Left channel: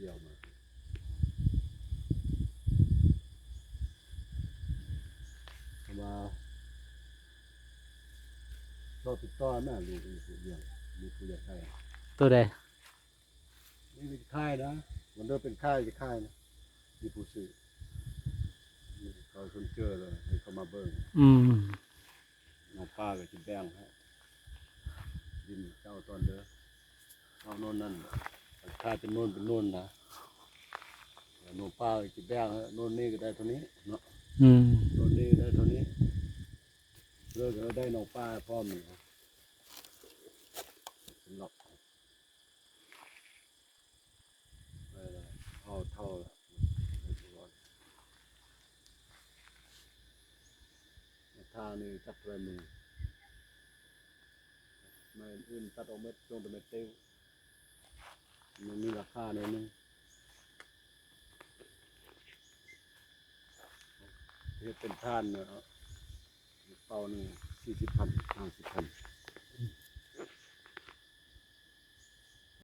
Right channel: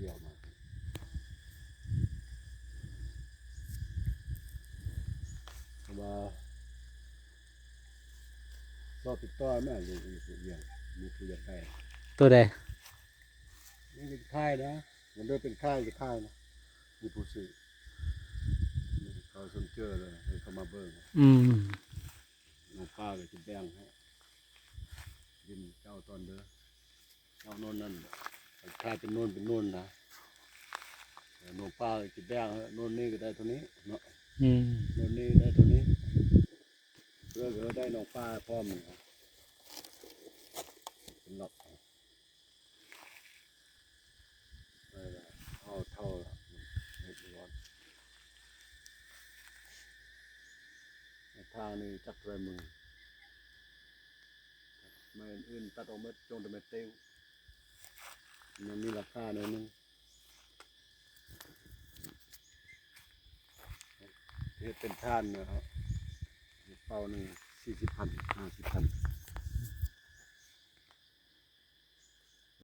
เดี่ยวมาเราติดต่อแม่อยู่เดียวมีผู้ใหญ่ใกล้ตัวใดนี่เป็นค่ายนะมันด้วยเป็นค่ายจะค่ายนะมีผู้ซื้อเขาสนเจอเลยให้เขามาเบิ่งน้องป้าก็จะแบ่งให้ดินเจ้าตอนเด้อเอาโน่นนั่นค่ายเป็นโน่นนะน้องป้าก็จะแบ่งให้โน่นนี่ก็ได้เท่านี้เนาะโน่นนี่ได้เท่านี้เรื่องเราได้น้องป้าพร้อมนะเป็นหลอกเอาเท่าละไม่ร้อนทางนี้จับด้วยมือไม่อื่นตัดออกมาจงแต่ไม่เต้วมันมีราคาหน่อยนึงเฮ็ดเป็นท่านนะครับเป่าหนึ่ง40,000 50,000